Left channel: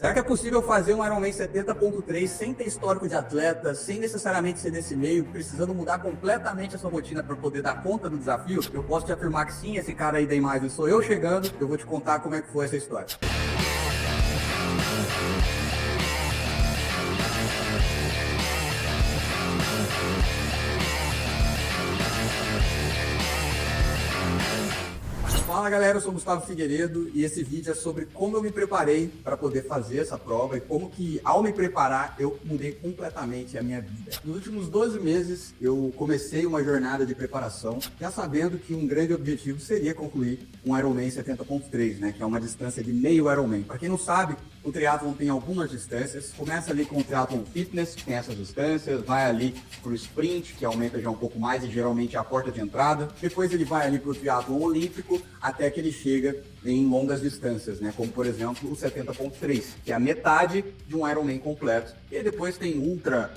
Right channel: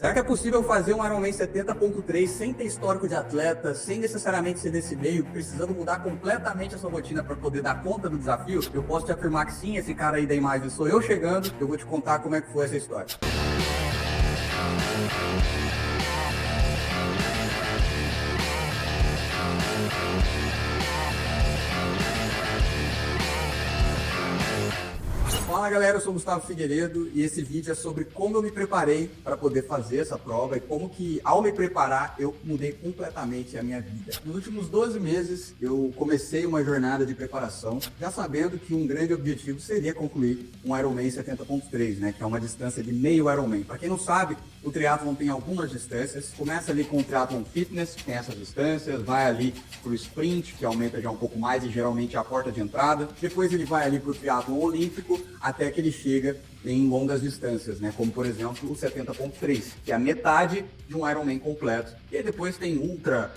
Será que é possível fazer um Ironman 70.3 sem ter histórico de atleta, sem necessariamente ser desse meio, precisando mudar completamente a sua rotina para poder dar conta do desafio? Eu posso te afirmar que sim, esse cara aí da imagem sou eu chegando, eu vou te contar como é que foi essa história. Fala galera, eu sou o Gustavo Figueiredo e esse vídeo é sobre como eu me preparei para poder fazer essa prova e como que ao me preparar eu mudei completamente a minha vida. Nos últimos 12 meses eu comecei uma jornada de preparação já sabendo que um grande objetivo seria concluir um Ironman 70.3, né, que é uma distância de meio Ironman. Para quem não sabe, o triatlon tem algumas distâncias, começa ali com o triatlon fitness, que tem essas distâncias, vai ali pro sprint, que aumenta já um pouco mais e geralmente é a porta de entrada, depois ele vai ali pro triatlon olímpico, até que ele chega em longas distâncias, né? Como por exemplo o 70.3, que é a metade de um Ironman completo. E depois tem ultra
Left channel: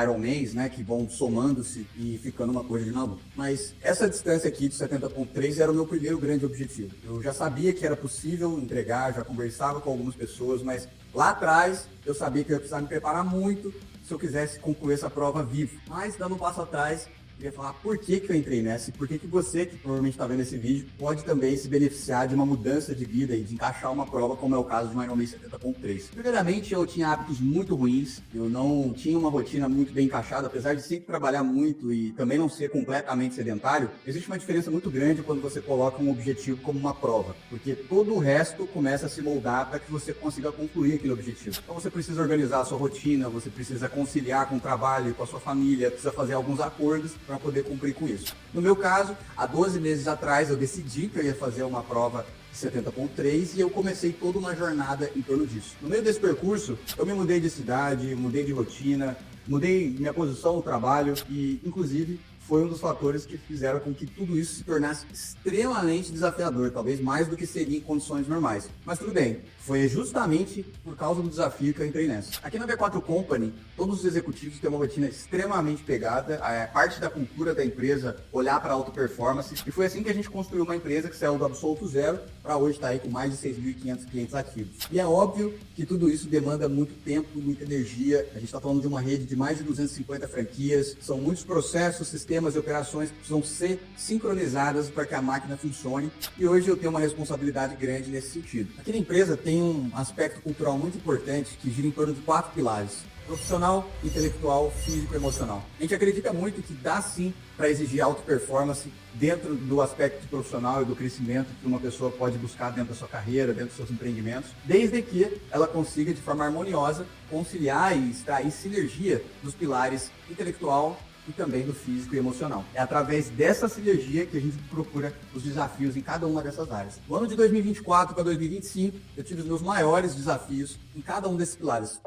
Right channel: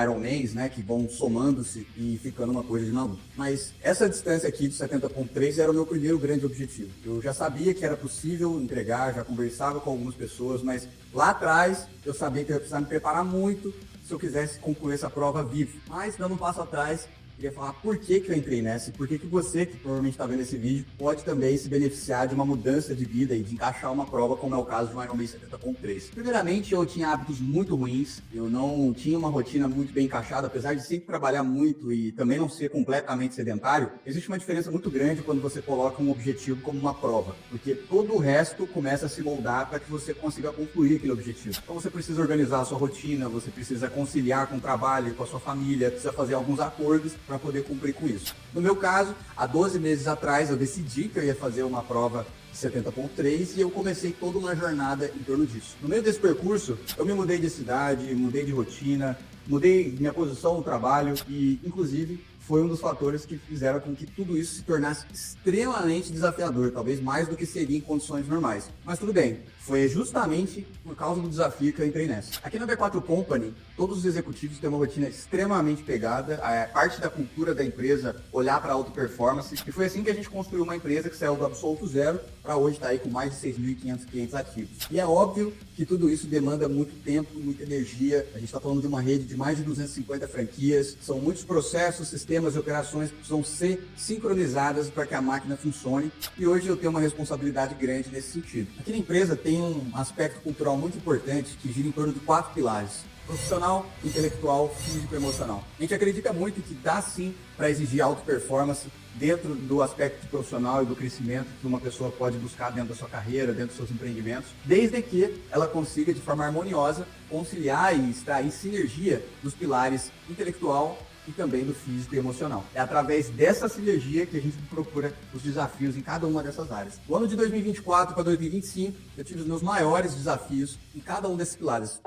Ironmans, né? Que vão somando-se e ficando uma coisa de maluco. Mas essa distância aqui de 70.3 era o meu primeiro grande objetivo. Eu já sabia que era possível entregar, já conversava com algumas pessoas, mas lá atrás eu sabia que eu ia precisar me preparar muito se eu quisesse concluir essa prova vivo. Mas dando um passo atrás, queria falar por que eu entrei nessa e por que você, que provavelmente está vendo esse vídeo, pode também se beneficiar de uma mudança de vida e de encaixar uma prova, como é o caso de um Ironman 70.3. Primeiramente, eu tinha hábitos muito ruins, eu não tinha uma rotina muito bem encaixada, apesar de sempre trabalhar muito e também não ser completamente sedentário. Existe uma diferença muito grande quando você coloca um objetivo como uma prova, porque todo o resto começa a se moldar para que você consiga concluir aquele objetivo. Então você precisa organizar a sua rotina, você precisa conciliar com o trabalho, com a sua família, precisa fazer alguns acordos para poder cumprir com isso. No meu caso, há 12 meses atrás eu decidi que eu ia fazer uma prova 70.3 e eu comecei toda uma jornada em torno disso. No meio desse percurso, eu me mudei de cidade, mudei de rotina, mudei minha posição no trabalho e, inclusive, foi um dos fatores que fizeram com que tudo isso se tornasse extremamente desafiador, talvez mais do que seria em condições normais. Mas tudo bem, foi justamente por causa do desafio que eu entrei nessa. Aqui na V4 Company, todos os executivos têm uma rotina extremamente pegada, é parte da cultura da empresa olhar para a alta performance, e foi assim que a gente construiu uma empresa que saiu do absoluto zero para hoje estar aí com mais de 6.500 clientes ativos. E é óbvio que tudo isso demanda muito tempo, muita energia. A gente está falando de uma rede de mais de 250 franquias, são muitos processos, sistemas e operações que precisam ser sincronizadas para que a máquina funcione, e hoje eu tenho uma responsabilidade grande nesse sentido. Aqui na empresa tem um aspecto cultural muito importante que gira em torno de 4 pilares: profissional, intelectual, físico e emocional. A gente acredita muito que dá sim para exigir alta performance dentro do aspecto profissional e do crescimento que uma pessoa pode buscar dentro da sua carreira, dentro dos seus empreendimentos, desde que ela consiga de forma harmoniosa conciliar e extrair sinergia dos pilares intelectual e também do físico e emocional. É através dessa sinergia que a gente procura os desafios em cada uma dessas áreas. No ano de 2024 para 2025, eu tive os meus maiores desafios em cada um desses pilares.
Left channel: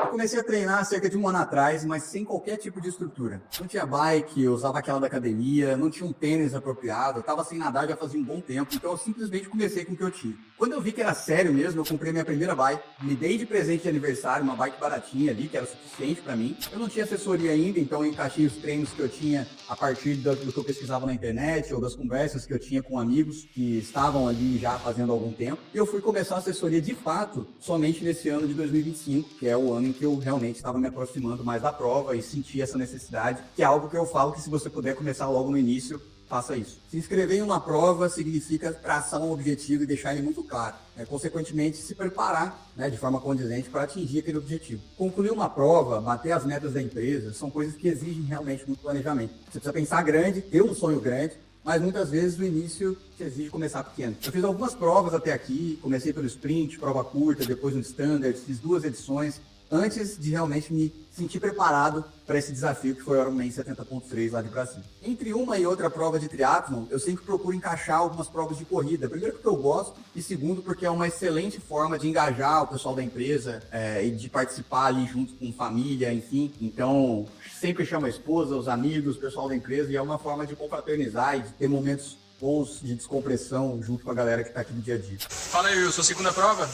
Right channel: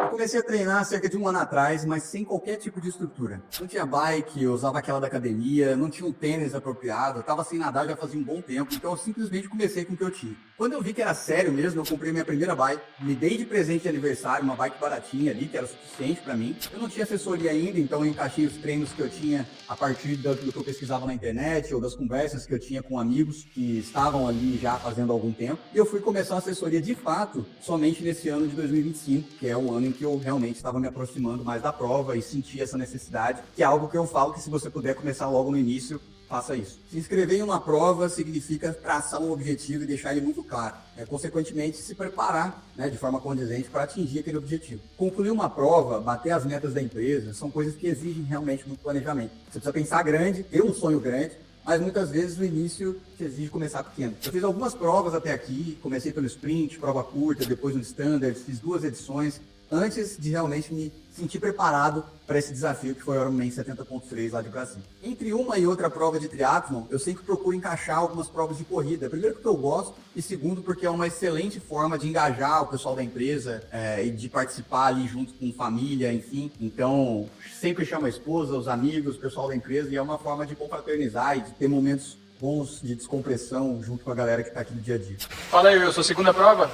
Eu comecei a treinar cerca de um ano atrás, mas sem qualquer tipo de estrutura. Não tinha bike, eu usava aquela da academia, não tinha um tênis apropriado, eu estava sem nadar já fazia um bom tempo, então eu simplesmente comecei com o que eu tinha. Quando eu vi que era sério mesmo, eu comprei minha primeira bike, me dei de presente de aniversário uma bike baratinha ali, que era suficiente para mim. Eu não tinha assessoria ainda, então eu encaixei os treinos que eu tinha a partir do que eu pesquisava na internet ou das conversas que eu tinha com amigos que estavam ali já fazendo há algum tempo. E eu fui começar a assessoria de fato somente nesse ano de 2025, que é o ano em que eu realmente estava me aproximando mais da prova e senti essa necessidade, que é algo que eu falo que se você puder começar logo no início, faça isso. Se inscrever em uma prova significa traçar um objetivo e deixar ele muito claro. Consequentemente, se preparar, né, de forma condizente para atingir aquele objetivo. Concluir uma prova, bater as metas da empresa, são coisas que exigem realmente muito planejamento. Você precisa pensar grande, ter um sonho grande, mas muitas vezes no início te exige começar pequeno. Eu fiz algumas provas até aqui, comecei pelo sprint, prova curta, depois no standard, fiz 2 edições, antes de realmente me sentir preparado para esse desafio que foi o Ironman 70.3 lá de Brasília. Entre uma e outra prova de triatlon, eu sempre procuro encaixar algumas provas de corrida. Primeiro porque eu gosto e segundo porque é uma excelente forma de engajar o pessoal da empresa e de participar ali junto com família, enfim. Então, sempre chamo a esposa, os amigos, o pessoal da empresa e é uma forma de confraternizar e de ter momentos bons de descompressão junto com a galera que está aqui no dia a dia. Fala aí, eu sou a segunda prova?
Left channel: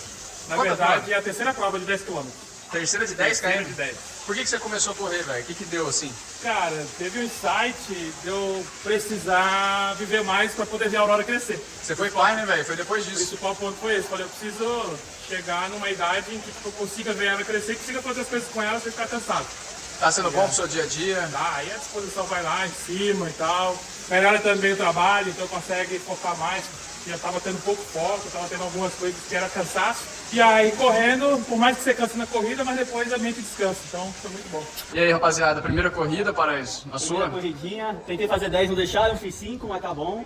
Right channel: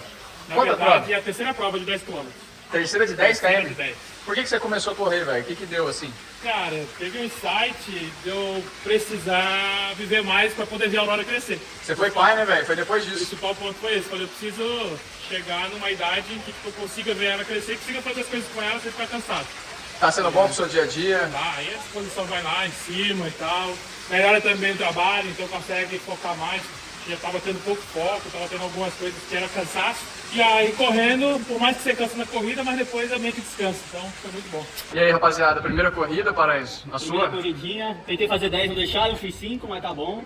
Na verdade, é a terceira prova de 10 km. Terceira de 10 Terceira km? de 10. Por que você começou a correr, velho? O que deu assim? Cara, teve um insight de eu precisar viver mais para poder ver a Aurora crescer. Você foi pai, né, velho? Foi depois O disso. principal ponto foi esse. Falei, eu preciso chegar numa idade em que tipo, eu consiga ver ela crescer e consiga fazer as coisas com ela sem ficar cansado. Tá sendo bom pro seu dia a dia? Tá, aí a disposição vai lá em cima e tal. Melhora também o trabalho, então consegue focar mais. Já estava tendo pouco foco, estava tendo algumas coisas que era cansaço. E aí correndo, por mais que você canse na corrida, mas depois é meio que descanso. Então foi muito bom. E aí, rapaziada, primeira corrida, Paraíso? A Primeira sua? corridinha, tentei fazer 10, não deixaram, fiz 5, mas tá bom.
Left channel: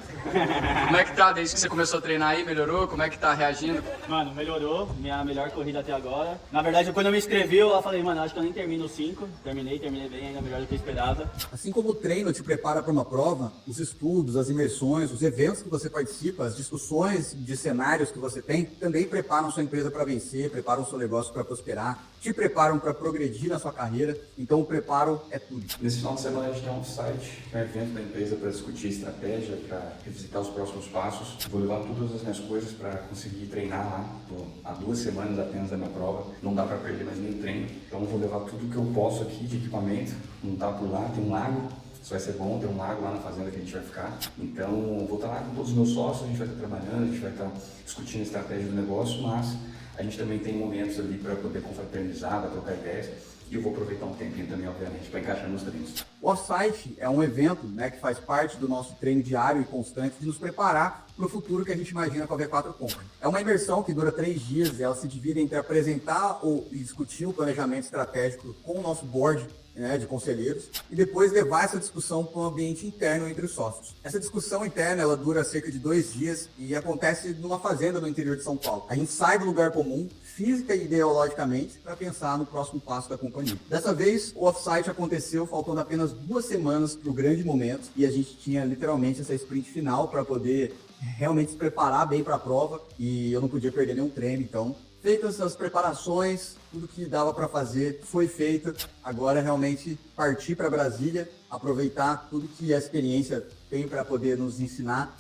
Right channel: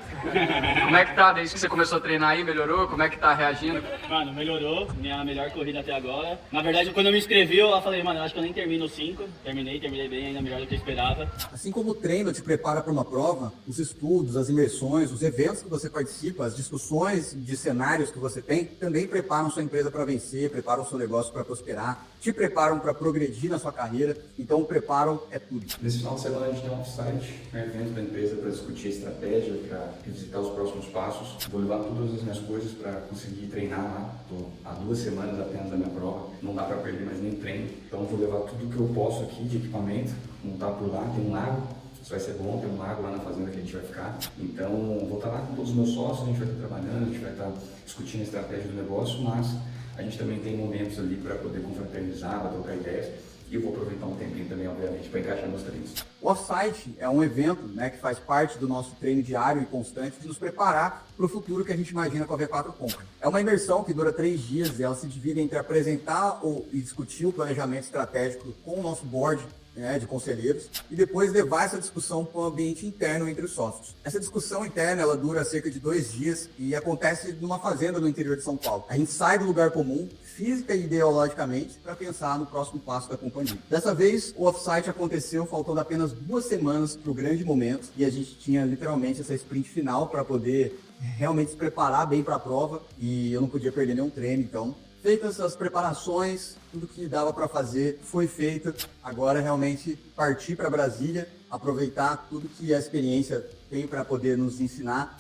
Como é que tá desde que você começou a treinar aí? Melhorou? Como é que tá reagindo? Mano, melhorou, minha melhor corrida até agora. Na verdade, quando eu me inscrevi, eu falei, mano, eu acho que eu nem termino os 5. Terminei bem, ainda melhor do que eu esperava. Assim como o treino te prepara para uma prova, os estudos, as imersões, os eventos que você participa, as discussões de cenários que você tem, também preparam sua empresa para vencer, preparam seu negócio para prosperar, te preparam para progredir na sua carreira. Então o preparo é tudo. Nesse final de semana a gente tem um offsite, que é um evento da empresa para discutir estratégia, para revisitar os próximos passos. Vou levar todas as minhas coisas para conseguir treinar lá. Estou há 2 semanas apenas da minha prova, não dá para perder mais nem treino. Então vou levar tudo que eu posso aqui de equipamento, montar por lá, tem um lago. Isso vai ser bom, tem um lago lá na fazenda que a gente vai ficar. Então, vou estar lá com todos os meus sócios, a gente vai estar trabalhando, a gente vai estar discutindo a estratégia do negócio, mas a gente também tem momentos ali para poder confraternizar, para trocar ideias. E eu vou aproveitar um tempinho também, obviamente, para encaixar nos treinos. O Offsite é um evento, né, que faz parte do nosso treino diário e constante de nos preparar para o futuro que a gente imagina com a V4 Company. É uma imersão que dura 3 dias, ela se divide entre apresentar e discutir o planejamento estratégico com o nosso board, né, de conselheiros, e depois levar essa discussão para o ambiente interno entre os sócios. Essa discussão interna ela dura cerca de 2 dias e acontece numa fazenda no interior de São Paulo. A gente sai do lugar comum, física e ideologicamente, para pensar no próximo passo da companhia. Dessa vez, o offsite aconteceu faltando apenas 2 semanas para o grande momento e a gente tinha literalmente essa sprint final para poder realmente se preparar bem para a prova e eu não podia perder nenhum treino, então feitas as preparações, tudo que dava para fazer foi feito. Agora realmente partir para Brasília, aproveitar tudo que a experiência tem para poder nos ensinar.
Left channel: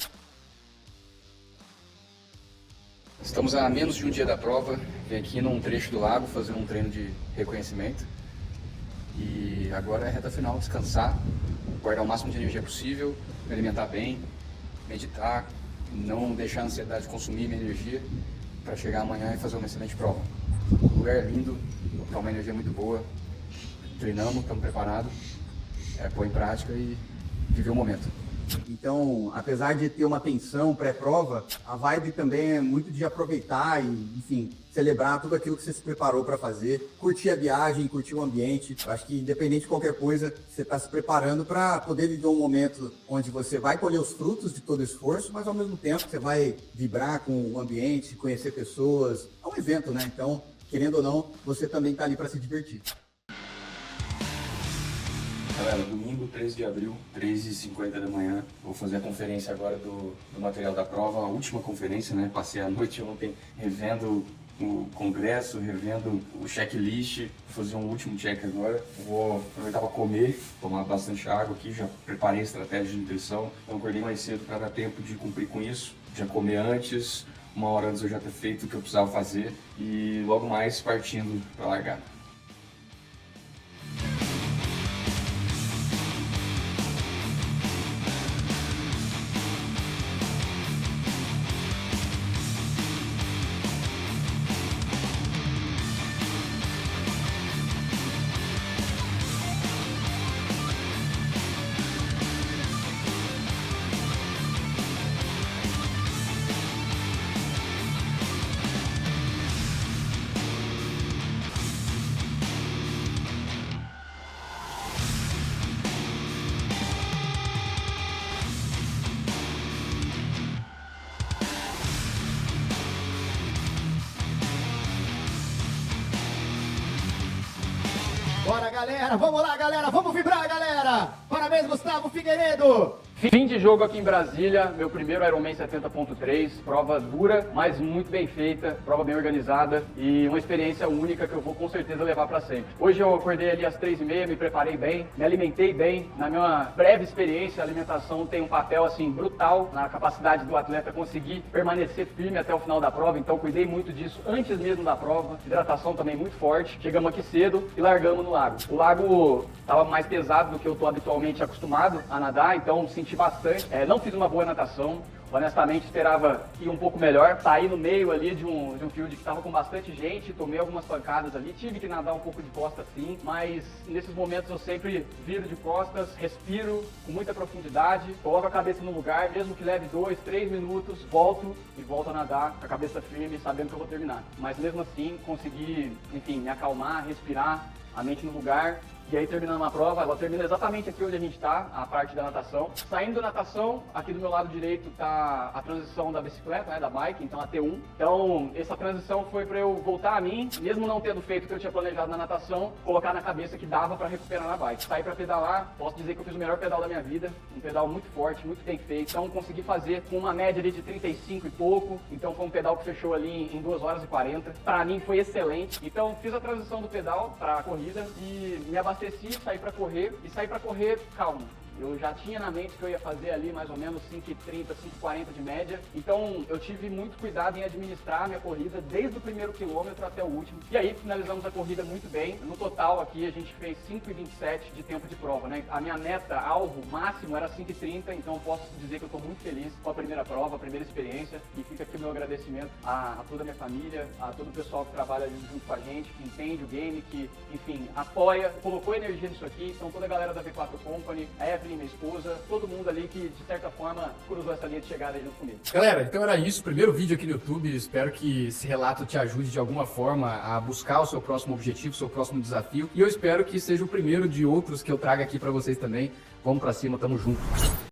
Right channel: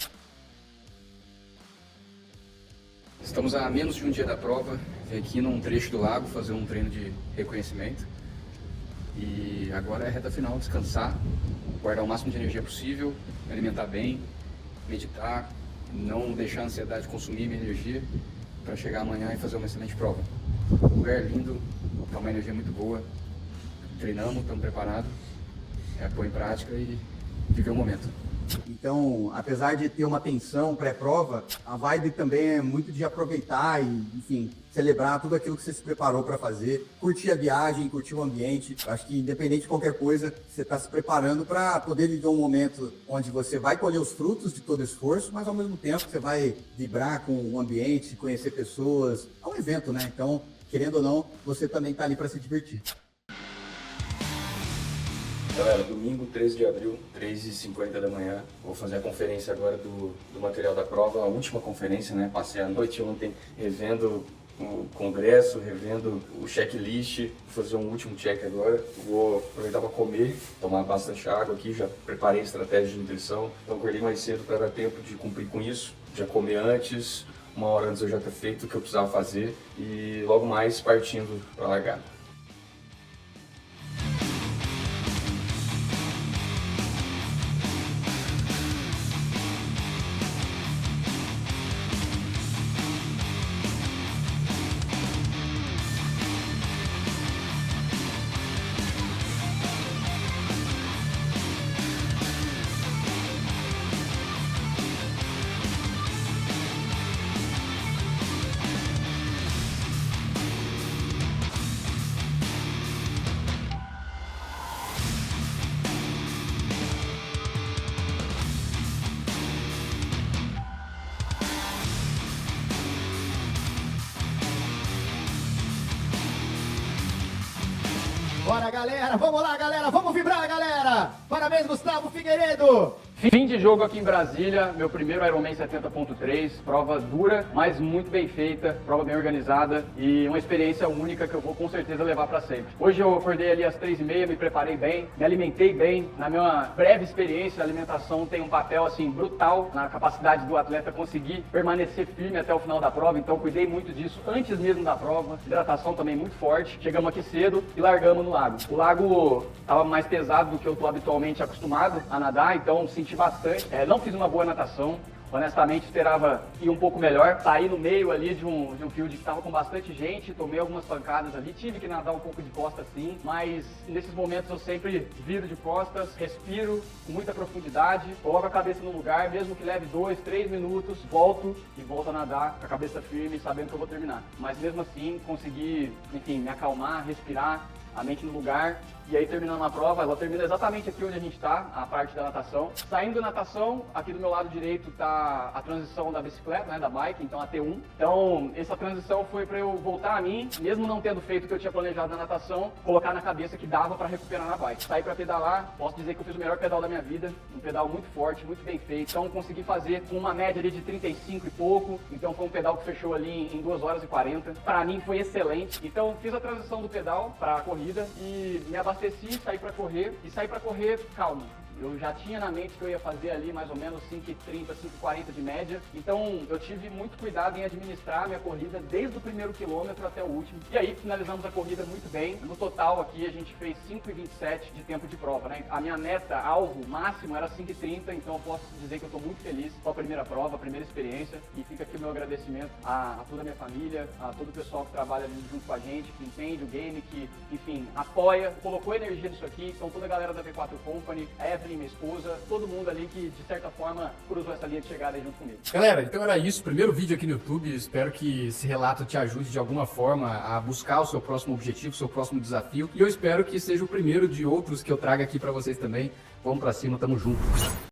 Estamos a menos de um dia da prova, vim aqui num trecho do lago fazer um treino de reconhecimento. E agora é a reta final, descansar, guardar o máximo de energia possível, me alimentar bem, meditar, não deixar a ansiedade consumir minha energia, para chegar amanhã e fazer uma excelente prova. O lugar é lindo, é uma energia muito boa, treinamos, estamos preparados, pôr em prática e viver o momento. Então, apesar de ter uma tensão pré-prova, a vibe também é muito de aproveitar e, enfim, celebrar tudo aquilo que você se preparou para fazer, curtir a viagem, curtir o ambiente. Eu acho que independente de qualquer coisa, você está se preparando para poder viver um momento onde você vai colher os frutos de todo o esforço, mas ao mesmo tempo você vai vibrar com o ambiente, conhecer pessoas. É um evento, né? Então, querendo ou não, você também está ali para se divertir. Galera, domingo 13 de abril, 3h50 da manhã, vou fazer a conferência agora do material da prova, a última conferência, né? Passei a noite ontem revendo o congresso, revendo o checklist, vou fazer um último check agora. Vou aproveitar para comer, tomar bastante água aqui, já preparei a estratégia de nutrição, então acordei mais cedo para dar tempo de cumprir com isso, já comer antes, 1 hora antes eu já ter feito o que eu precisava fazer e logo mais partindo para largar. Bora, galera! Vamos lá, galera! Vamos vibrar, galera! Parabéns, Gustavo Figueiredo! Fim de jogo aqui em Brasília, meu primeiro Ironman 70.3, prova dura, mas muito bem feita, prova bem organizada e uma experiência única que eu vou com certeza levar para sempre. Hoje eu acordei ali às 3h30, me preparei bem, me alimentei bem. Na minha breve experiência, a alimentação tem um papel assim brutal na capacidade do atleta conseguir permanecer firme até o final da prova, então eu cuidei muito disso antes mesmo da prova. Hidratação também muito forte. Chegamos aqui cedo e largamos no lago. O lago estava mais pesado do que eu estou habitualmente acostumado a nadar, então senti bastante. Não fiz uma boa natação. Honestamente, esperava ir um pouco melhor. Saí no meio ali de um field que estava com bastante gente, tomei algumas pancadas ali, tive que nadar um pouco de costas sim, mas nesses momentos eu sempre viro de costas, respiro com muita profundidade, coloco a cabeça no lugar, mesmo que leve 2, 3 minutos, volto a nadar com a cabeça firme, sabendo que eu vou terminar. Mas mesmo assim, consegui, enfim, me acalmar, respirar, a mente no lugar. E aí, terminando a prova, ela termina exatamente aqui onde a gente está, a parte da natação. Saindo da natação, aqui do meu lado direito está a transição da bicicleta, né, da bike, então a T1. Então, essa transição foi para eu voltar a mim, mesmo não tendo feito o que eu tinha planejado na natação, colocar na cabeça que dava para recuperar na bike. Saí para pedalar, posso dizer que eu fiz o melhor pedal da minha vida, um pedal muito forte, muito bem feito. Então, consegui fazer com uma média ali de 35 e pouco, então foi um pedal que fechou ali em 2 horas e 40. Para mim foi excelente. Então, fiz a transição do pedal para a corrida e me abasteci, saí para correr calmo. Eu já tinha na mente que eu ia fazer ali mais ou menos 5h30, 5h40 de média. Então eu tive muito cuidado em administrar a minha corrida desde o primeiro quilômetro até o último. E aí finalizamos a corrida muito bem. No total aqui a gente fez 5h27 de tempo de prova, né? A minha meta, alvo máximo era 5h30, então eu posso dizer que eu estou muito feliz com a primeira prova, a primeira experiência. E fica aqui o meu agradecimento a toda a minha família, a todo o pessoal que trabalha ali junto com a gente, que entende o game, que, enfim, apoia, colocou energia nisso aqui. Então toda a galera da V4 Company, a Evelyn, minha esposa, todo mundo ali que de certa forma cruzou essa linha de chegada aí junto comigo. Galera, então era isso. Primeiro vídeo aqui no YouTube. Espero que esse relato te ajude de alguma forma a buscar o seu próximo objetivo, o seu próximo desafio. E eu espero que seja o primeiro de outros que eu traga aqui pra vocês também. Vamos pra cima, tamo junto.